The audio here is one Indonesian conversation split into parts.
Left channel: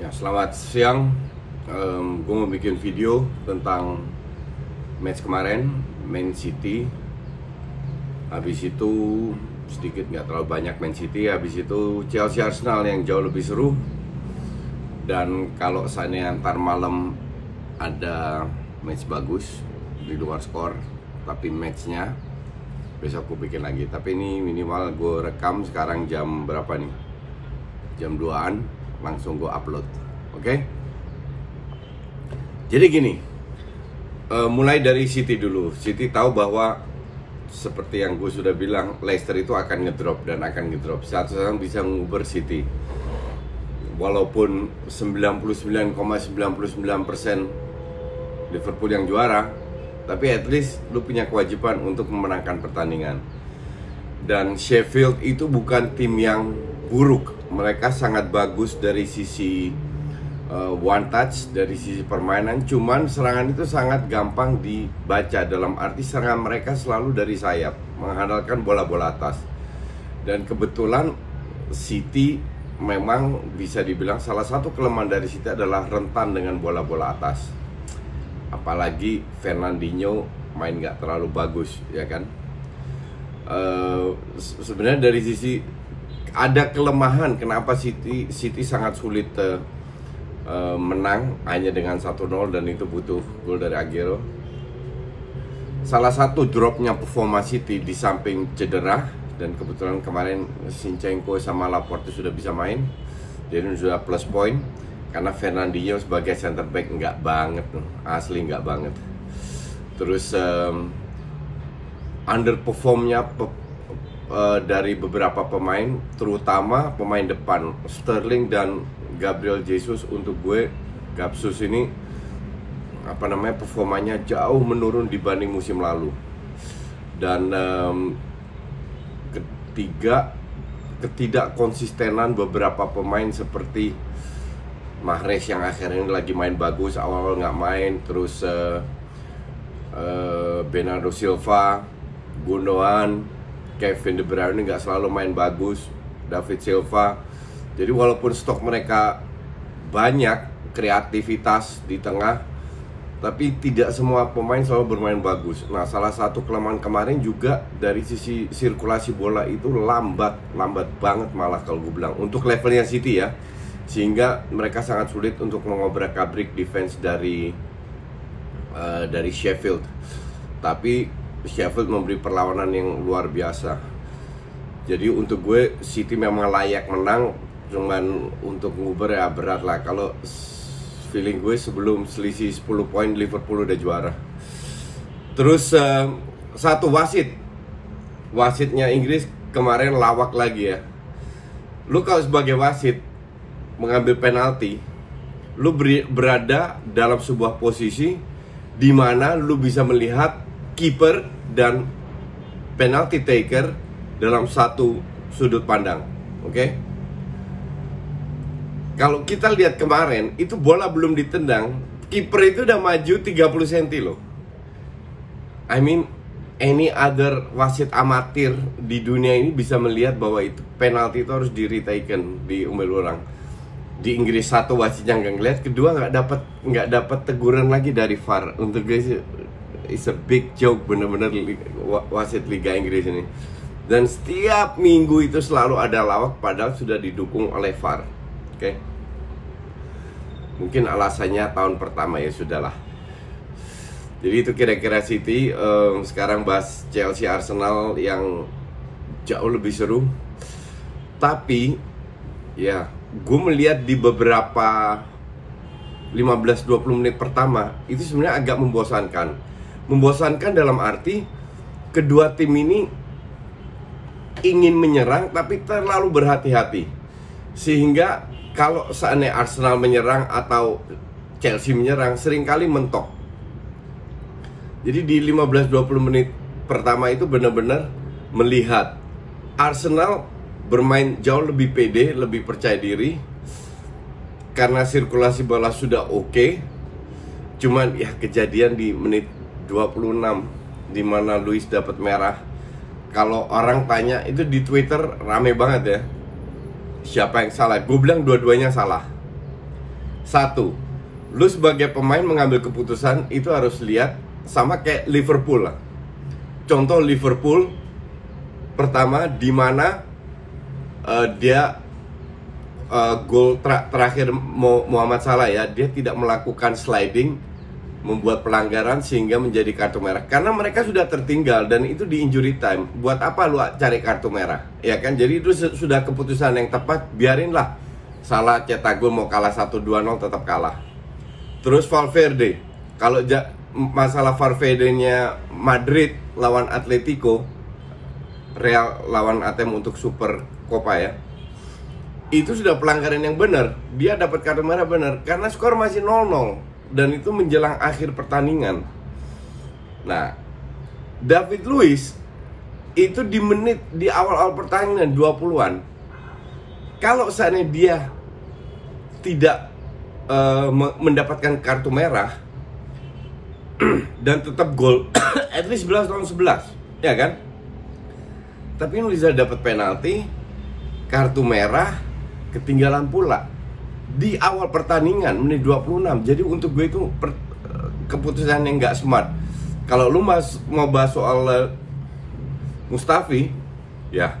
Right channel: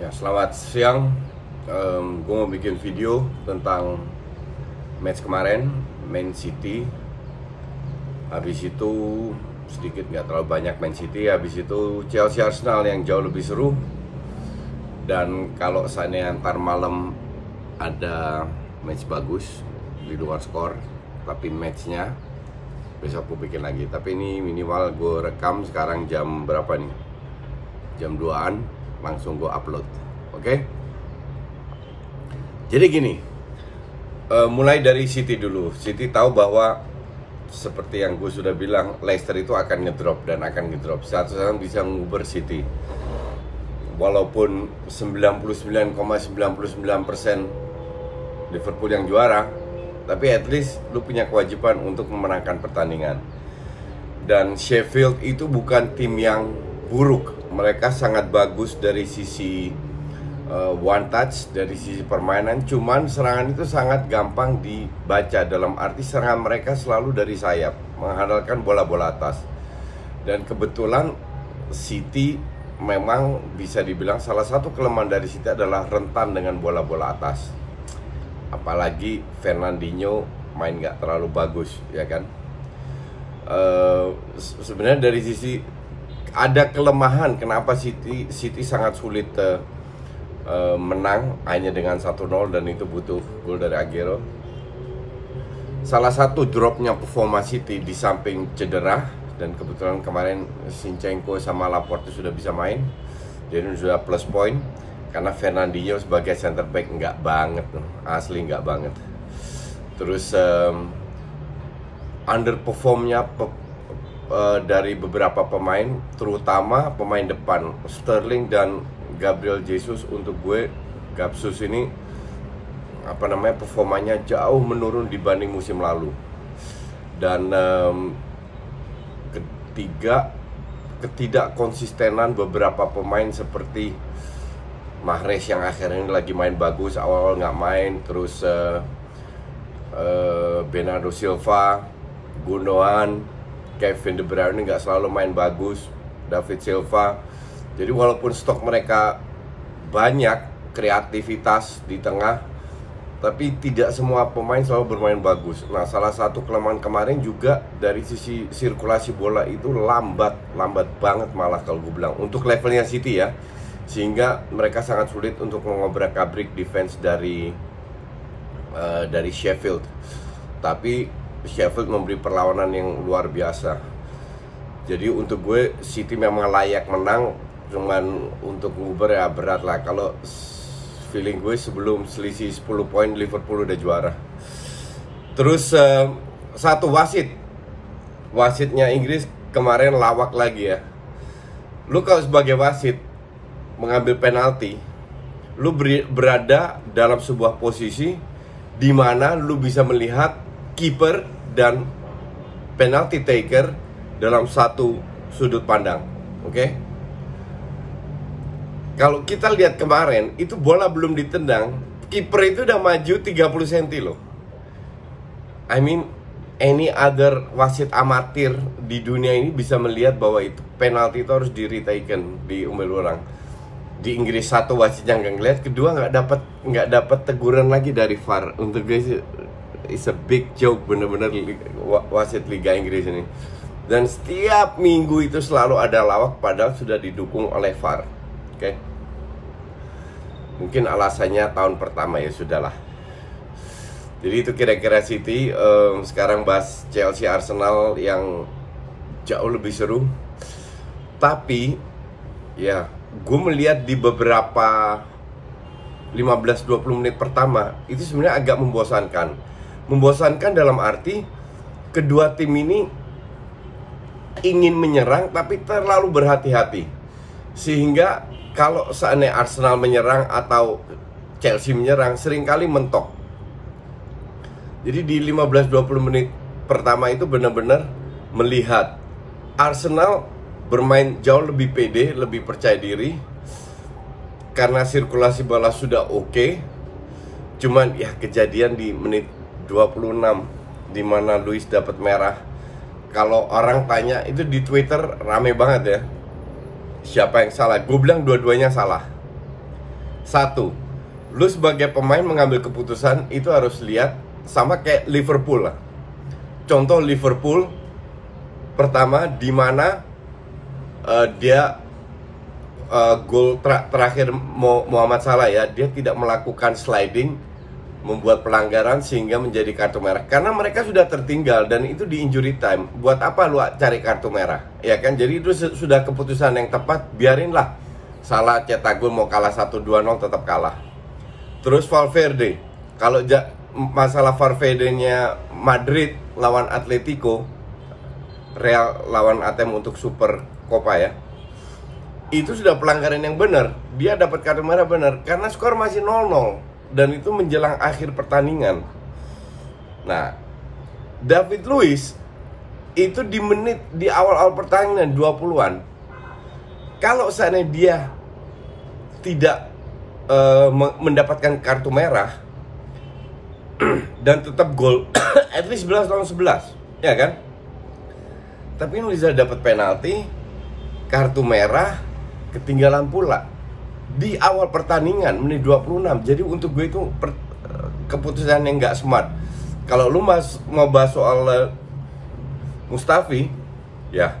Ya, selamat siang. Gue mau bikin video tentang match kemarin, Man City. Habis itu sedikit, nggak terlalu banyak Man City. Habis itu Chelsea Arsenal yang jauh lebih seru. Dan kalau seandainya antar malam ada match bagus di luar skor, tapi matchnya besok gue bikin lagi. Tapi ini minimal gue rekam sekarang jam berapa nih? Jam 2-an, langsung gue upload. Oke? Jadi gini, mulai dari City dulu. City tahu bahwa seperti yang gue sudah bilang, Leicester itu akan ngedrop dan akan ngedrop. Satu-satu bisa nguber City. Walaupun 99,99% Liverpool yang juara, tapi at least lu punya kewajiban untuk memenangkan pertandingan. Dan Sheffield itu bukan tim yang buruk. Mereka sangat bagus dari sisi one touch, dari sisi permainan. Cuman serangan itu sangat gampang dibaca. Dalam arti serangan mereka selalu dari sayap, mengandalkan bola-bola atas. Dan kebetulan City memang bisa dibilang salah satu kelemahan dari City adalah rentan dengan bola-bola atas. Apalagi Fernandinho main nggak terlalu bagus, ya kan? Sebenarnya dari sisi ada kelemahan kenapa City sangat sulit menang hanya dengan 1-0, dan itu butuh gol dari Aguero. Salah satu dropnya performa City di samping cedera, dan kebetulan kemarin Zinchenko sama Laporte sudah bisa main, jadi sudah plus point. Karena Fernandinho sebagai center back nggak banget, asli nggak banget. Terus underperformnya dari beberapa pemain, terutama pemain depan Sterling dan Gabriel Jesus. Untuk gue, Gabsus ini performanya jauh menurun dibanding musim lalu. Dan ketiga, ketidakkonsistenan beberapa pemain seperti Mahrez yang akhirnya ini lagi main bagus, awal-awal nggak main. Terus Bernardo Silva, Gundogan, Kevin De Bruyne nggak selalu main bagus, David Silva. Jadi walaupun stok mereka banyak, kreativitas di tengah, tapi tidak semua pemain selalu bermain bagus. Nah, salah satu kelemahan kemarin juga dari sisi sirkulasi bola itu lambat banget malah kalau gue bilang untuk levelnya City ya, sehingga mereka sangat sulit untuk mengobrak-abrik defense dari Sheffield. Tapi Sheffield memberi perlawanan yang luar biasa. Jadi untuk gue City memang layak menang, cuman untuk nguber ya berat lah. Kalau feeling gue sebelum selisih 10 poin Liverpool udah juara. Terus satu wasitnya Inggris kemarin lawak lagi ya. Lu kalau sebagai wasit mengambil penalti, lu berada dalam sebuah posisi di mana lu bisa melihat kiper dan penalty taker dalam satu sudut pandang. Oke? Kalau kita lihat kemarin, itu bola belum ditendang, kiper itu udah maju 30 cm loh. I mean, any other wasit amatir di dunia ini bisa melihat bahwa itu penalti itu harus di-retaken, diambil ulang. Di Inggris satu wasitnya nggak ngeliat, kedua nggak dapat teguran lagi dari VAR. Untuk guys, it's a big joke bener-bener wasit Liga Inggris ini. Dan setiap minggu itu selalu ada lawak, padahal sudah didukung oleh VAR. Oke? Mungkin alasannya tahun pertama, ya sudahlah. Jadi itu kira-kira City. Sekarang bahas Chelsea Arsenal yang jauh lebih seru. Tapi ya, gue melihat di beberapa 15-20 menit pertama itu sebenarnya agak membosankan. Membosankan dalam arti kedua tim ini ingin menyerang tapi terlalu berhati-hati. Sehingga kalau seandainya Arsenal menyerang atau Chelsea menyerang, seringkali mentok. Jadi di 15-20 menit pertama itu benar-benar melihat Arsenal bermain jauh lebih pede, lebih percaya diri, karena sirkulasi bola sudah oke. Cuman ya kejadian di menit 26 di mana Luis dapat merah. Kalau orang tanya itu di Twitter rame banget ya, siapa yang salah? Gue bilang dua-duanya salah. Satu, lu sebagai pemain mengambil keputusan itu harus lihat sama kayak Liverpool lah. Contoh Liverpool pertama di mana dia gol terakhir Muhammad Salah ya, dia tidak melakukan sliding, membuat pelanggaran sehingga menjadi kartu merah karena mereka sudah tertinggal dan itu di injury time. Buat apa lu cari kartu merah? Ya kan, jadi itu sudah keputusan yang tepat. Biarinlah Salah cetak gol, mau kalah 1-2-0 tetap kalah. Terus Valverde, kalau masalah Valverde-nya Madrid lawan Atletico, Real lawan ATM untuk Super Copa ya, itu sudah pelanggaran yang benar. Dia dapat kartu merah benar karena skor masih 0-0 dan itu menjelang akhir pertandingan. Nah, David Luiz itu di awal-awal pertandingan 20-an, kalau seandainya dia tidak mendapatkan kartu merah dan tetap gol at least 11 lawan 11 ya kan, tapi Luiz dapat penalti, kartu merah, ketinggalan pula di awal pertandingan menit 26. Jadi untuk gue itu keputusan yang nggak smart. Kalau lu mau bahas soal Mustafi, ya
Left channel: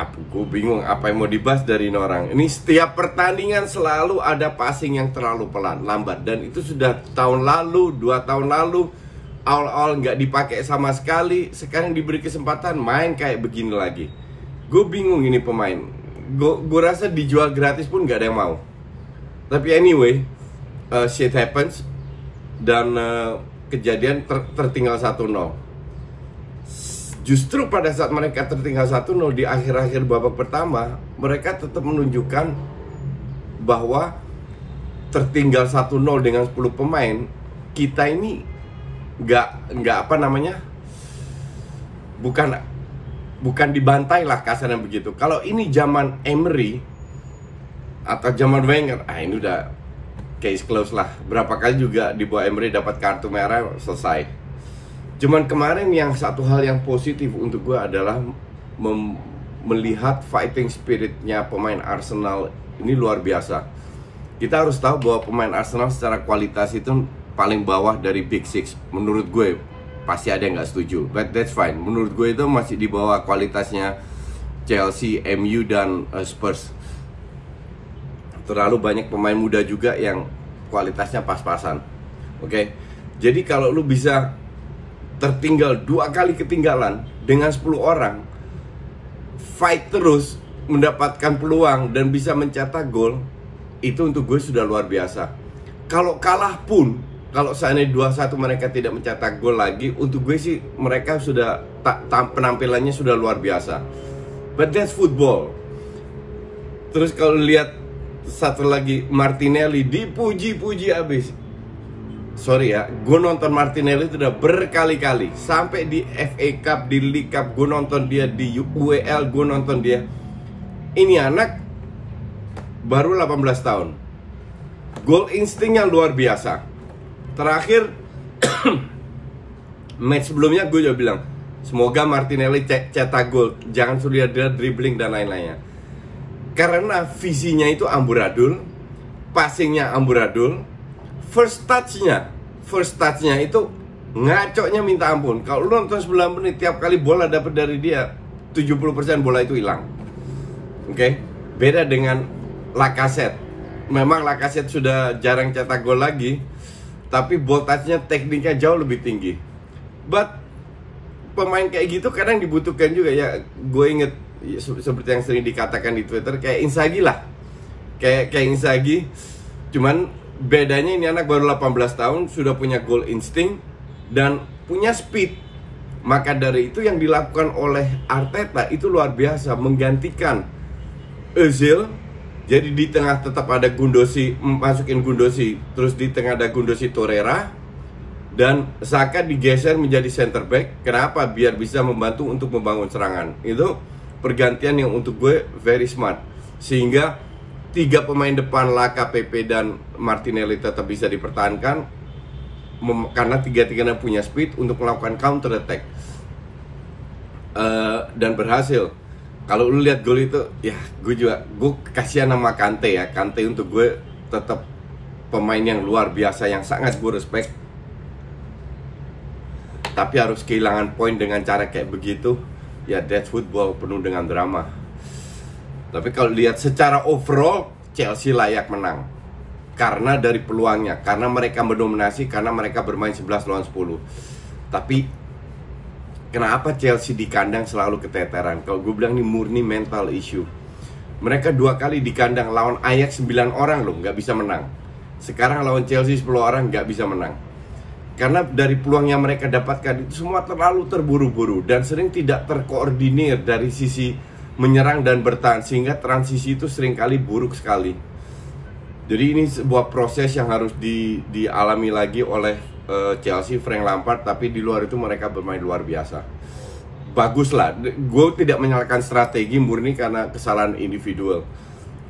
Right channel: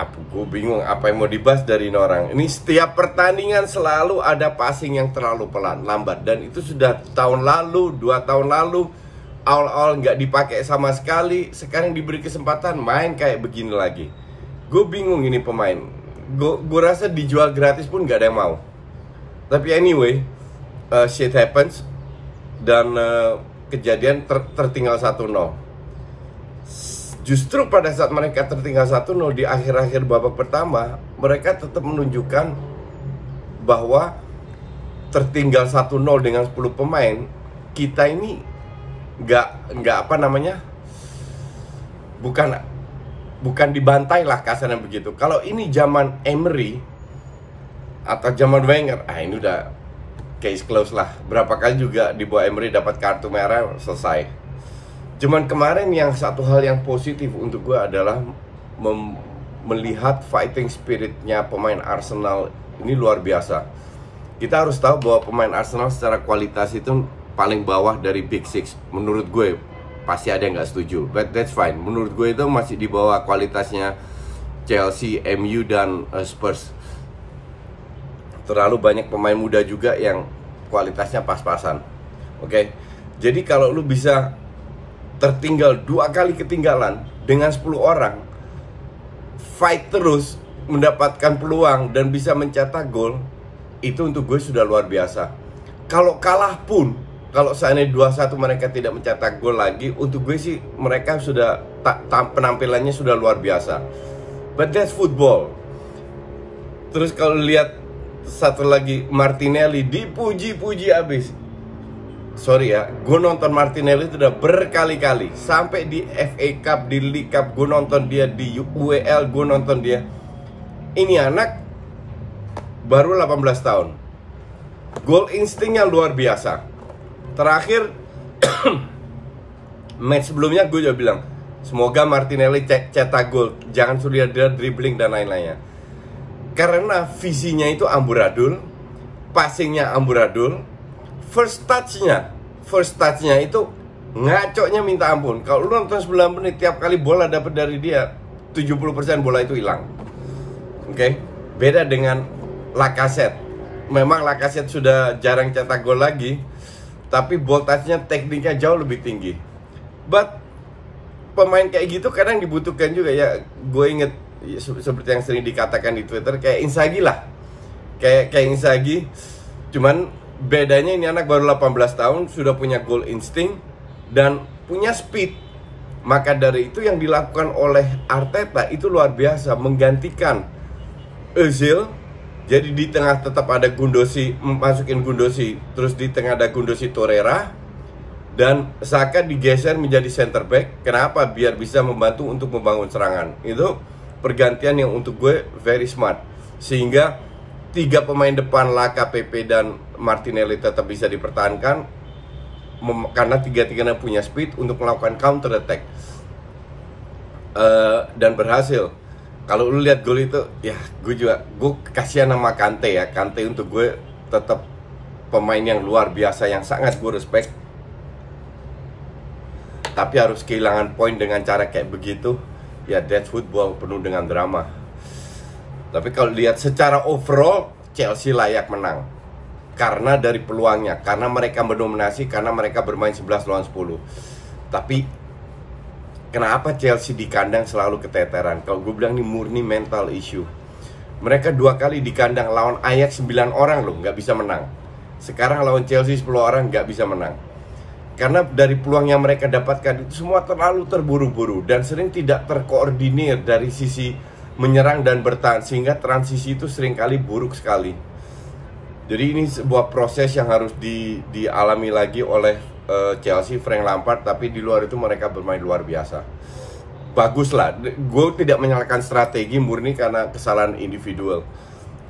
gue bingung apa yang mau dibahas dari ini orang. Ini setiap pertandingan selalu ada passing yang terlalu lambat, dan itu sudah tahun lalu, 2 tahun lalu awal-awal nggak dipakai sama sekali. Sekarang diberi kesempatan main kayak begini lagi. Gue bingung ini pemain. Gue rasa dijual gratis pun gak ada yang mau. Tapi anyway, shit happens. Dan kejadian tertinggal 1-0. Justru pada saat mereka tertinggal 1-0 di akhir-akhir babak pertama, mereka tetap menunjukkan bahwa tertinggal 1-0 dengan 10 pemain, kita ini nggak apa namanya, bukan dibantai lah kasarnya begitu. Kalau ini zaman Emery atau zaman Wenger, ini udah case close lah. Berapa kali juga di bawah Emery dapat kartu merah, selesai. Cuman kemarin yang satu hal yang positif untuk gue adalah melihat fighting spiritnya pemain Arsenal ini luar biasa. Kita harus tahu bahwa pemain Arsenal secara kualitas itu paling bawah dari Big Six menurut gue. Pasti ada yang nggak setuju, but that's fine. Menurut gue itu masih di bawah kualitasnya Chelsea, MU, dan Spurs. Terlalu banyak pemain muda juga yang kualitasnya pas-pasan. Oke, jadi kalau lu bisa tertinggal 2 kali ketinggalan dengan 10 orang, fight terus, mendapatkan peluang dan bisa mencetak gol, itu untuk gue sudah luar biasa. Kalau kalah pun, kalau seandainya 2-1 mereka tidak mencetak gol lagi, untuk gue sih mereka sudah penampilannya sudah luar biasa. But that's football. Terus kalau lihat satu lagi, Martinelli dipuji-puji abis. Sorry ya, gue nonton Martinelli itu udah berkali-kali. Sampai di FA Cup, di League Cup, gue nonton dia. Di UEL, gue nonton dia. Ini anak baru 18 tahun. Goal instingnya luar biasa. Terakhir match sebelumnya gue juga bilang, semoga Martinelli cetak gol, jangan sudah dia dribbling dan lain-lainnya. Karena visinya itu amburadul, passingnya amburadul, first touchnya itu ngacoknya minta ampun. Kalau lu nonton 9 menit, tiap kali bola dapat dari dia 70% bola itu hilang. Oke? Beda dengan Lacazette. Memang Lacazette sudah jarang cetak gol lagi, tapi ball touch-nya, tekniknya jauh lebih tinggi. But pemain kayak gitu kadang dibutuhkan juga ya. Gue inget seperti yang sering dikatakan di Twitter, kayak Inzaghi lah. Kayak Inzaghi. Cuman bedanya ini anak baru 18 tahun, sudah punya goal instinct dan punya speed. Maka dari itu yang dilakukan oleh Arteta itu luar biasa, menggantikan Özil. Jadi di tengah tetap ada Gundosi, masukin Gundosi, terus di tengah ada Gundosi, Torreira, dan Saka digeser menjadi center back. Kenapa? Biar bisa membantu untuk membangun serangan. Itu pergantian yang untuk gue very smart. Sehingga 3 pemain depan, Laka, Pepe, dan Martinelli tetap bisa dipertahankan karena 3-3-nya punya speed untuk melakukan counter attack. Dan berhasil. Kalau lu lihat gol itu, ya gue kasihan sama Kante ya. Kante untuk gue tetap pemain yang luar biasa, yang sangat gue respect. Tapi harus kehilangan poin dengan cara kayak begitu, ya that's football, penuh dengan drama. Tapi kalau lihat secara overall, Chelsea layak menang. Karena dari peluangnya, karena mereka mendominasi, karena mereka bermain 11 lawan 10. Tapi kenapa Chelsea di kandang selalu keteteran? Kalau gue bilang ini murni mental issue. Mereka 2 kali di kandang lawan Ajax 9 orang loh, nggak bisa menang. Sekarang lawan Chelsea 10 orang nggak bisa menang. Karena dari peluang yang mereka dapatkan itu semua terlalu terburu-buru dan sering tidak terkoordinir dari sisi menyerang dan bertahan, sehingga transisi itu seringkali buruk sekali. Jadi ini sebuah proses yang harus dialami lagi oleh Chelsea, Frank Lampard. Tapi di luar itu mereka bermain luar biasa. Bagus lah. Gue tidak menyalahkan strategi, murni karena kesalahan individual.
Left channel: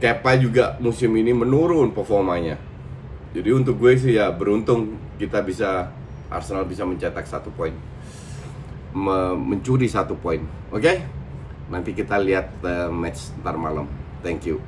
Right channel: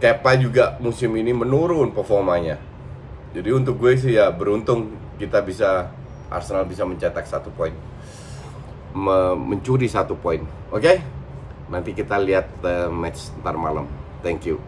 Kepa juga musim ini menurun performanya. Jadi untuk gue sih ya beruntung Arsenal bisa mencetak 1 poin, mencuri 1 poin. Oke? Nanti kita lihat match ntar malam. Thank you.